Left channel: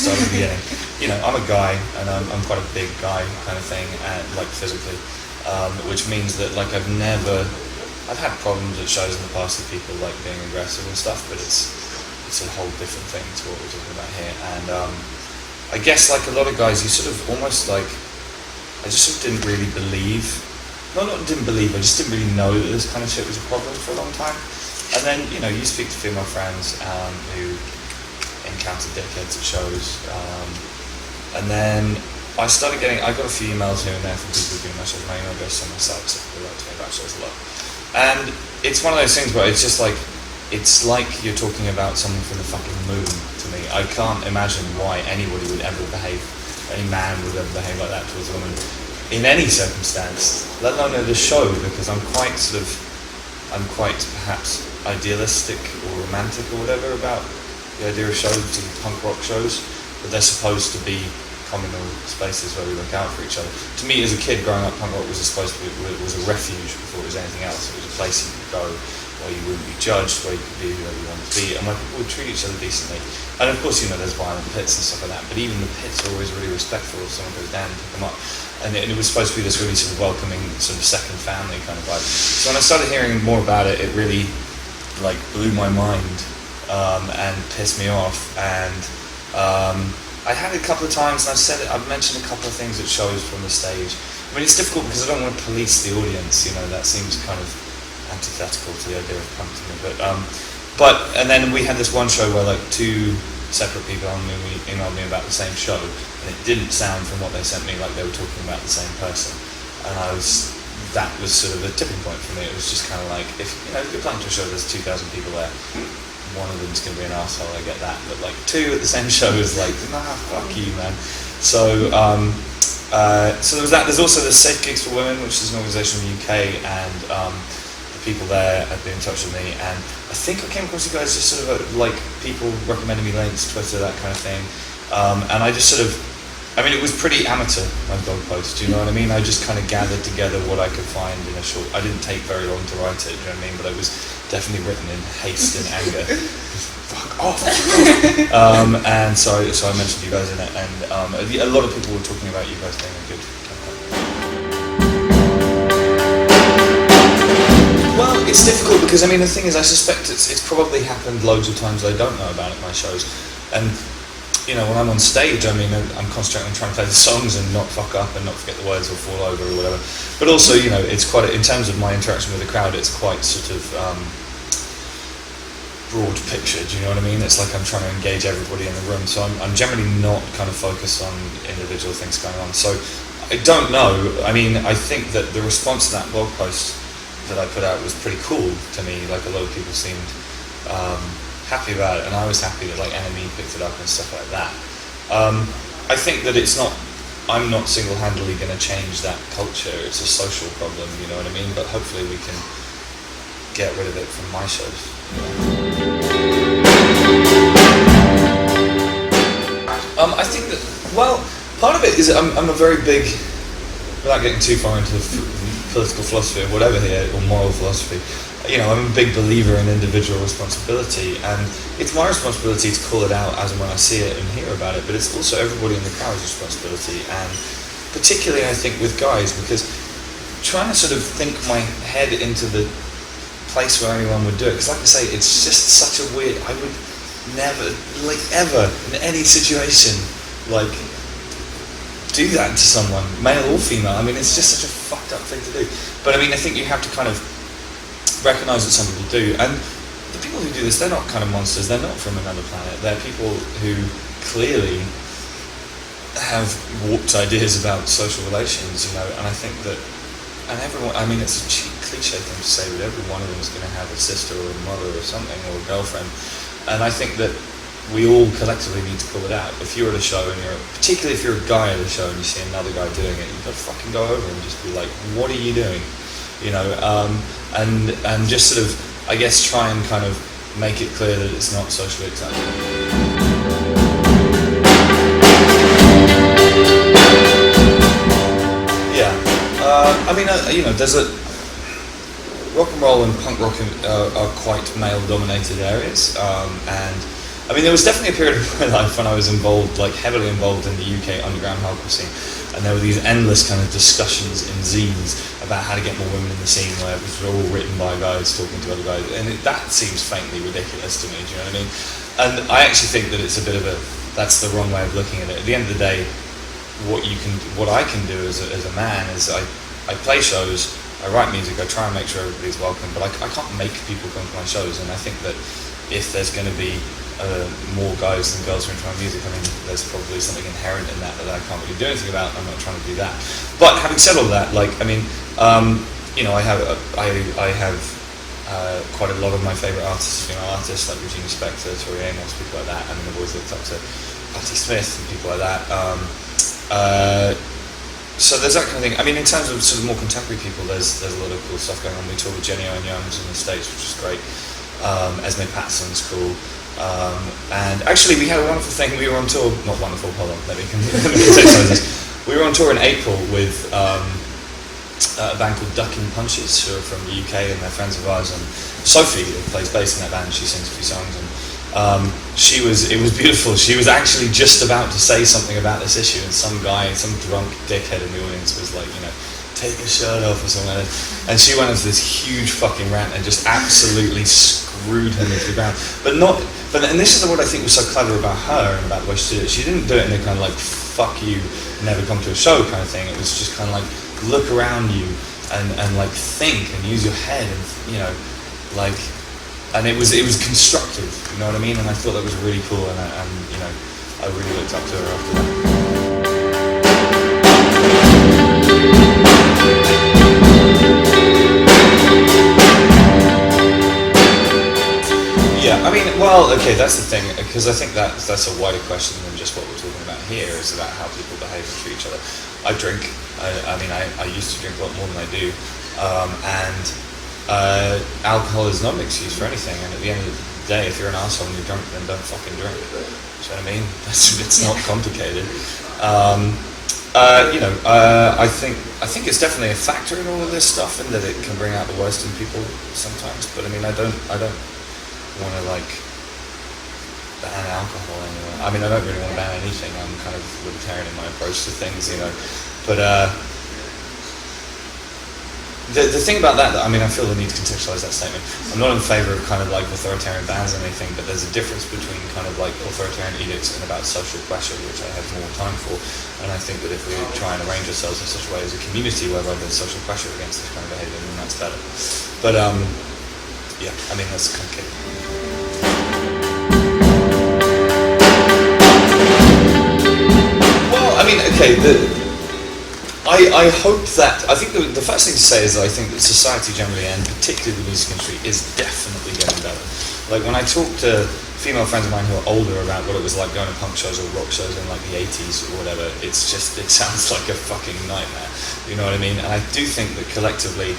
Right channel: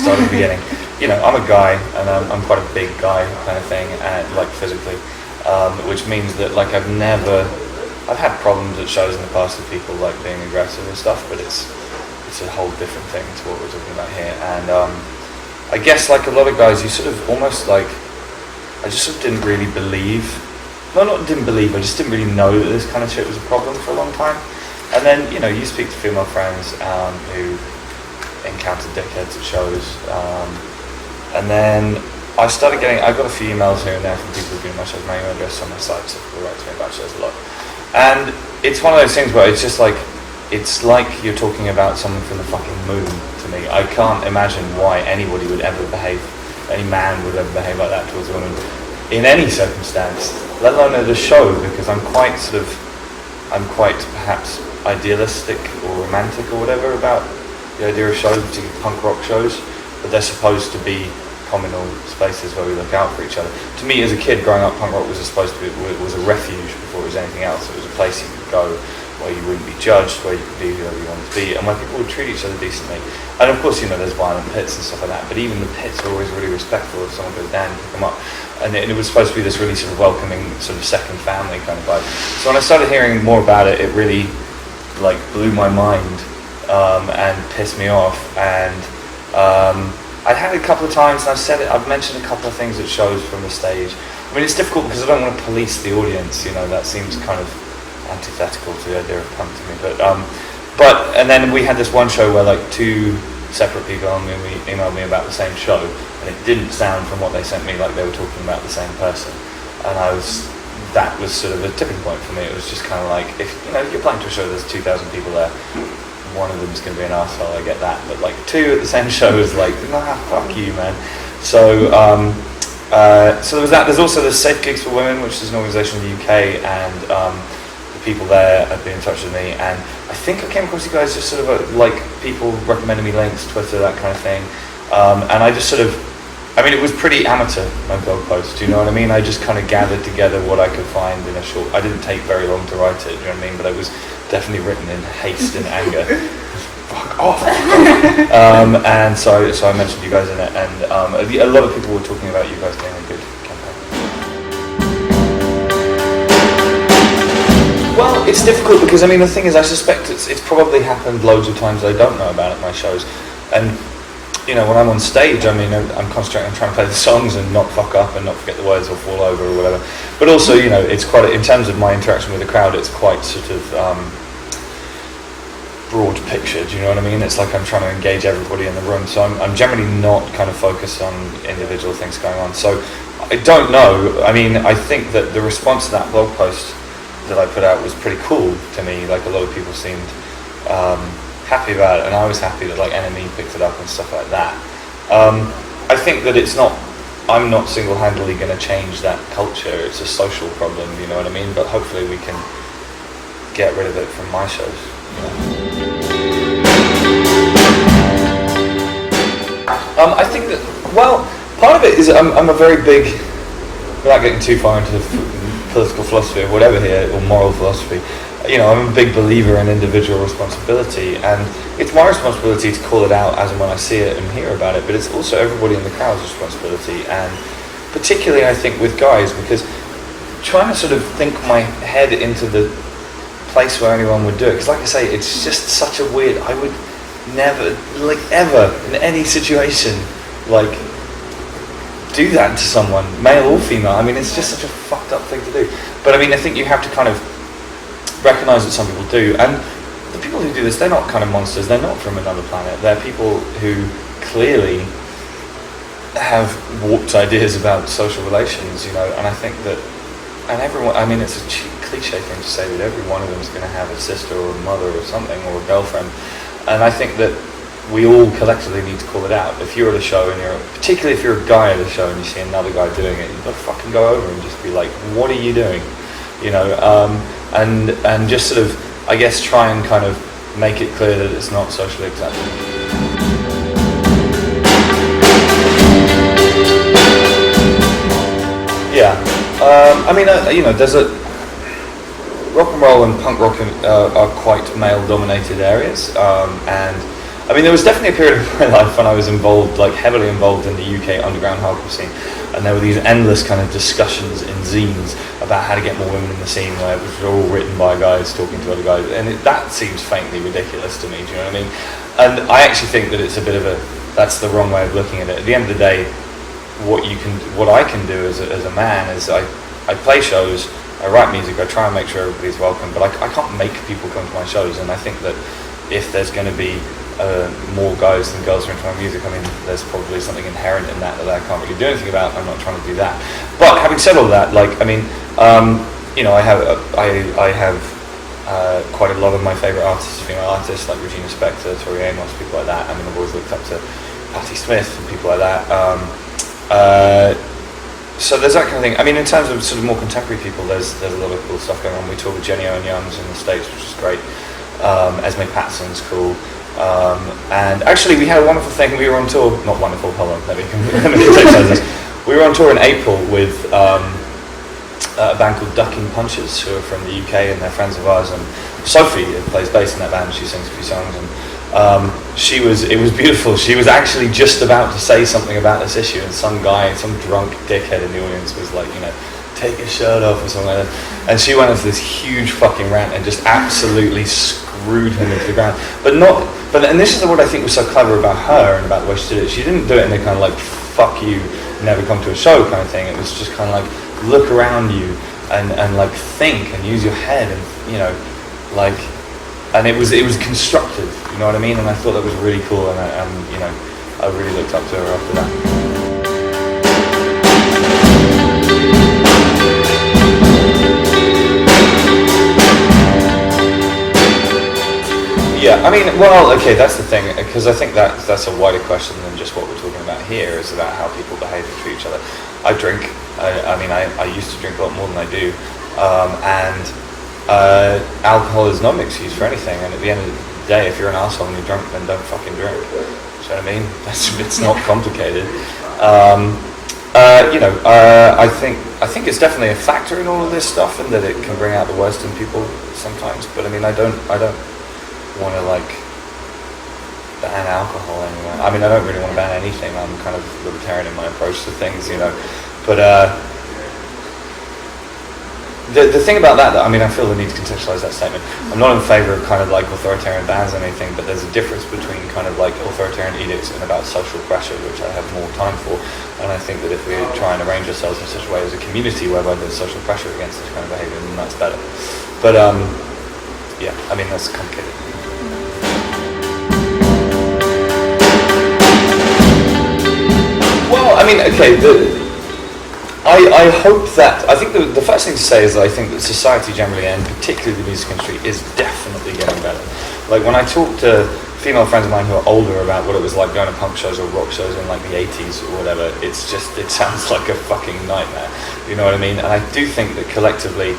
start at the beginning. You know, I'm a guy, and I'm quite a big guy kind of thing, and like physically, which means that like I've had problems at shows in the past with people like being aggressive and stuff, but it's a whole different thing to what we're talking about here. And I guess like a lot of guys, you sort of almost like, I just sort of didn't really believe. No, not didn't believe, I just didn't really know that this kind of shit was a problem for a long time. And then, you know, you speak to female friends who encounter dickheads at shows. And then I got a few emails here and there from people who've been my shows, my email address on my site, so people write to me about shows a lot. And it's one of those things where it's just like, it's like you're talking about someone from the fucking moon to me. I can't imagine why anybody would ever behave, any man would ever behave like that towards a woman in any circumstance, let alone at a show, because I'm quite perhaps idealistic or romantic or whatever about the idea of shows, particularly punk rock shows, but they're supposed to be communal spaces where we look out for each other. To me, as a kid growing up, punk rock was was a refuge before it was anything else. It was a place you could go where you wouldn't be judged, where you could be whoever you wanted to be, and where people would treat each other decently. And of course, you know, there's violent pits and stuff like that, but even the pits are always really respectful. If someone goes down, you pick them up. And it was supposed to be this really sort of welcoming, sort of second family kind of vibe. So when I started hearing more about it, it really like blew my mind and pissed me off. And I'd had it a couple of times, and I've mentioned a couple of things at shows from the stage. I mean, it's difficult because I don't want to police the audience. You know, that seems kind of antithetical to the idea of coming to me. But and then we had this one show where like two separate people emailed me about the same show. And it didn't sound from what they sent me like they were talking about the same person. And that was sort of a tipping point for me. It was just kind of like, if you know, you're playing to a show, there's 2,000 people there, one of them's going to be an arsehole, I get that. But like two at the same show is like, nah, fuck you, man. So so there was that. There's also the Safe Gigs for Women, which is an organisation in the UK, and the people there have been in touch with me. And I think I came across you guys just sort of like people recommending me links, Twitter, that kind of thing. And I just sort of, I mean, it was pretty amateur, my blog post, do you know what I mean? I just kind of gathered together what I could find in a short, I didn't take very long to write it, you know what I mean? But it was definitely written in haste and anger. Fuck off! And so I mentioned you guys in it, and a lot of people were talking about you guys being a good campaign. Well, it's difficult because, I mean, the thing is, I suspect it's probably happened loads of times I don't know about at my shows. And you know, when I'm on stage, I mean, I'm concentrating on trying to play the songs and not fuck up and not forget the words or fall over or whatever. But also, you know, it's quite, in terms of my interaction with the crowd, it's quite sort of broad picture, do you know what I mean? It's like I'm trying to engage everybody in the room, so I'm generally not kind of focused on individual things going on. So I don't know, I mean, I think that the response to that blog post that I put out was pretty cool to me. Like, a lot of people seemed happy about it, and I was happy that like NME picked it up and stuff like that. I think that I'm not single-handedly going to change that culture. It's a social problem, you know what I mean? But hopefully we can get rid of it from my shows. I think that, well, part of it is I'm a very big, without getting too far into the political philosophy or whatever here, or moral philosophy, you know, I'm a big believer in individual responsibility, and it's my responsibility to call it out as and when I see it and hear about it, but it's also everybody in the crowd's responsibility, and particularly I think with guys, because trying to sort of think my head into the place where anyone would do it, because like I say, it's just such a weird, I would never, like ever, in any situation, like, do that to someone, male or female. I mean, it's just such a fucked up thing to do. But I mean, I think you have to kind of recognise that some people do, and the people who do this, they're not kind of monsters, they're not from another planet, they're people who clearly have warped ideas about social relations, you know, and I think that, and everyone, I mean, it's a cheap cliche thing to say that every one of them is going to have a sister or a mother or something, or a girlfriend, and I think that we all collectively need to call it out. If you're at a show and particularly if you're a guy at a show and you see another guy doing it, you've got to fucking go over and just be like, what are you doing? You know, and just sort of, I guess, try and kind of make it clear that it's not socially acceptable. Yeah, I mean, you know, there's rock and roll and punk rock are quite male-dominated areas, and I mean, there was definitely a period of my life when I was involved, like heavily involved in the UK underground hardcore scene, and there were these endless kind of discussions in zines about how to get more women in the scene, where they're all written by guys talking to other guys, and that seems faintly ridiculous to me. Do you know what I mean? And I actually think that it's a bit of that's the wrong way of looking at it. At the end of the day, what I can do as a man is I play shows, I write music, I try and make sure everybody's welcome, but I can't make people come to my shows, and I think that if there's going to be more guys than girls who are into my music, I mean, there's probably something inherent in that I can't really do anything about. I'm not trying to do that. But having said all that, like, I mean, you know, I have quite a lot of my favourite artists, female artists, like Regina Spektor, Tori Amos, people like that. I mean, I've always looked up to Patti Smith and people like that. So there's that kind of thing. I mean, in terms of sort of more contemporary people, there's a lot of cool stuff going on. We toured with Jenny Owen Youngs in the States, which is great. Esme Patterson's cool. And actually, we had a wonderful thing. We were on tour, not wonderful, hold on, let me contextualize this. We were on tour in April with a band called Ducking Punches, who are from the UK and they're friends of ours. And Sophia plays bass in that band. She sings a few songs. And it was beautiful. She was actually just about to say something about this issue, and some guy, some drunk dickhead in the audience was like, you know, take your shirt off or something like that. And she went into this huge fucking rant and just absolutely screwed him into the ground. And this is what I think was so clever about her and about the way she did it. She didn't do it in a kind of like, fuck you, never come to a show kind of thing. It was just kind of like, look around you and like think and use your head and, you know, like, and it was constructive, you know what I mean? And I thought that was really cool, and you know, I really looked up to her after that. I mean, well, okay, that's the thing, because I think that's a wider question than just what we're talking about here, is about how people behave and treat each other. I drink, I mean, I used to drink a lot more than I do, and alcohol is not an excuse for anything, and at the end of the day, if you're an arsehole and you're drunk, then don't fucking drink. Do you know what I mean? It's not complicated. You know, I think it's definitely a factor in all of this stuff, and that it can bring out the worst in people sometimes, but I mean, I don't want to like ban alcohol anywhere. I mean, I don't really want to ban anything. I'm kind of libertarian in my approach to things, you know. But the thing about that, I mean, I feel the need to contextualize that statement. I'm not in favour of kind of like authoritarian bans or anything, but there's a difference between kind of like authoritarian edicts and about social pressure, which I have more time for. And I think that if we try and arrange ourselves in such a way as a community whereby there's social pressure against this kind of behaviour, then that's better. But yeah, I mean, that's complicated. Well, I mean, okay, I hope that, I think the first thing to say is that I think that society generally, and particularly the music industry, is definitely getting better. Like, when I talk to female friends of mine who are older about what it was like going to punk shows or rock shows in like the 80s or whatever, it sounds like a fucking nightmare, you know what I mean? And I do think that collectively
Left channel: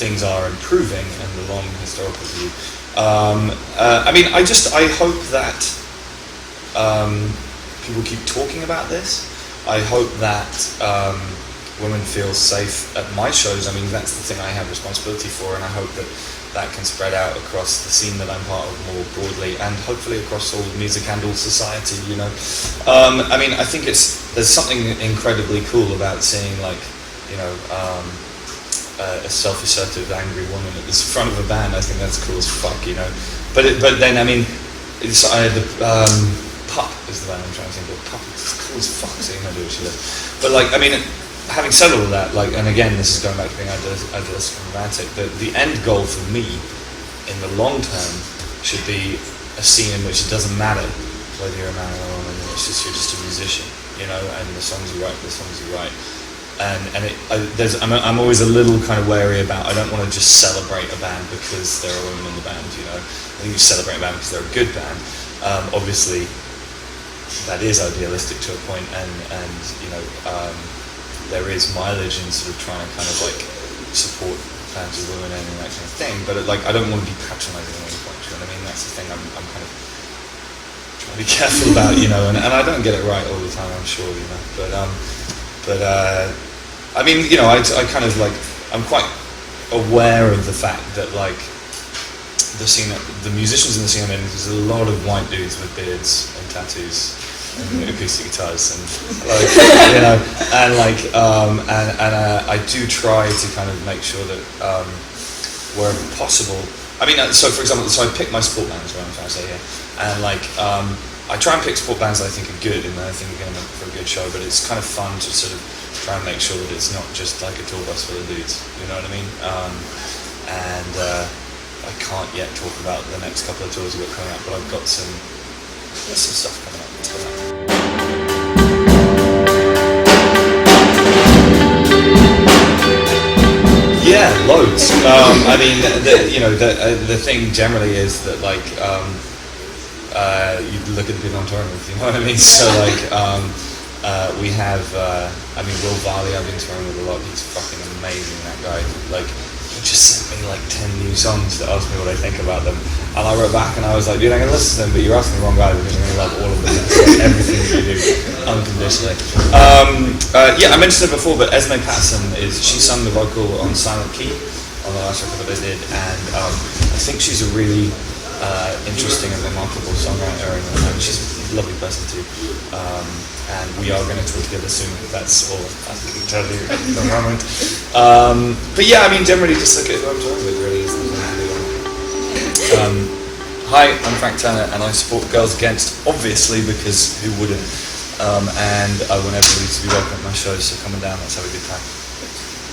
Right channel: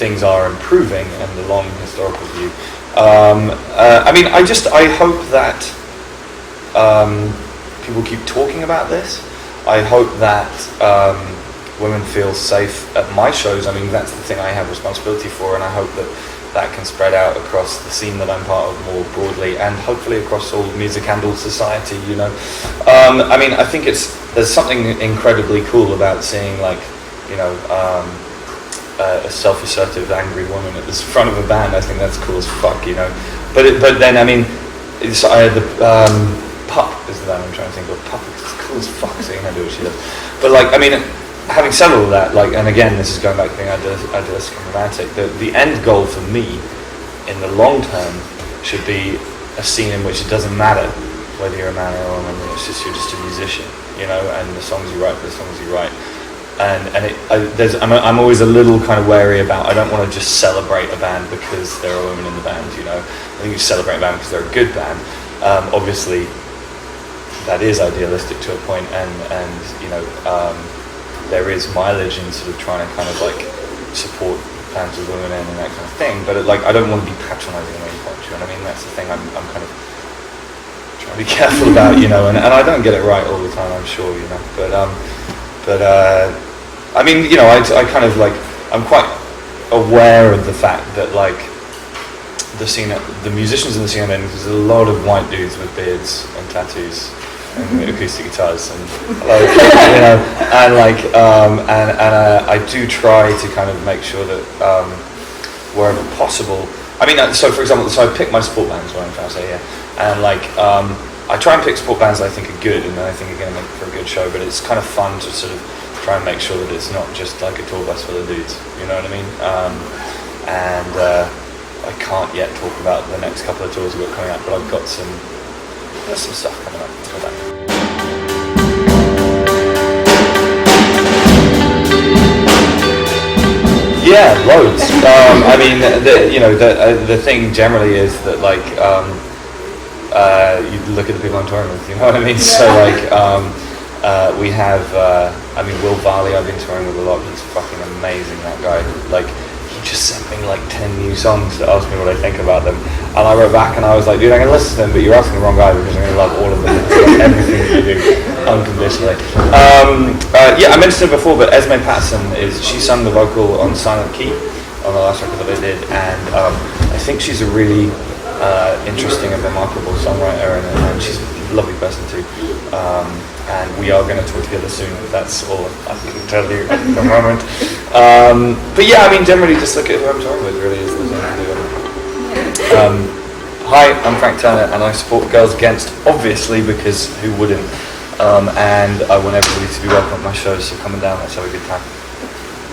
things are improving in the long historical view. I mean, I hope that people keep talking about this. I hope that women feel safe at my shows. I mean, that's the thing I have responsibility for, and I hope that that can spread out across the scene that I'm part of more broadly, and hopefully across all music and all society, you know. I mean, I think there's something incredibly cool about seeing, like, you know, a self-assertive, angry woman at the front of a band. I think that's cool as fuck, you know. But then, I mean, Pup is the band I'm trying to think of. Pup is cool as fuck, seeing her do what she does. But like, I mean, having said all of that, like, and again, this is going back to being idealistic and romantic, the end goal for me, in the long term, should be a scene in which it doesn't matter whether you're a man or a woman, you're just a musician, you know, and the songs you write, And I'm always a little kind of wary about, I don't want to just celebrate a band because there are women in the band, you know. I think you celebrate a band because they're a good band. Obviously, that is idealistic to a point, and you know, there is mileage in sort of trying to kind of like support bands with women and that kind of thing. But like, I don't want to be patronising at any point. You know what I mean? That's the thing I'm kind of trying to be careful about, you know. And I don't get it right all the time, I'm sure, you know. But I mean, you know, I kind of like, I'm quite aware of the fact that like the musicians in the scene, there's a lot of white dudes with beards and tattoos and acoustic guitars, and like, you know, and like, I do try to kind of make sure that wherever possible. I mean, so for example, so I pick my sport bands, what I'm trying to say here, and like, I try and pick sport bands that I think are good and that I think are going to make for a good show, but it's kind of fun to sort of try and make sure that it's not just like a tour bus full of dudes, you know what I mean? I can't yet talk about the next couple of tours we've got coming up, but I've got some stuff coming up. Yeah, loads. I mean, the thing generally is that like you look at the people I'm touring with, you know what I mean? So like we have, I mean, Will Varley I've been touring with a lot. He's fucking amazing, that guy. Like, just sent me like 10 new songs to ask me what I think about them, and I wrote back and I was like, dude, I'm gonna listen to them, but you're asking the wrong guy because I'm gonna love all of them, everything that you do, unconditionally. Yeah, I mentioned it before, but Esme Patterson she sung the vocal on Silent Key on the last record that I did, and I think she's a really interesting and remarkable songwriter, and she's a lovely person too. And we are going to talk together soon. That's all I can tell you at the moment. But yeah, I mean, generally just look at who I'm talking with, really. Is the Hi, I'm Frank Turner, and I support Girls Against, obviously, because who wouldn't? And I want everybody to be welcome at my show, so come on down, let's have a good time.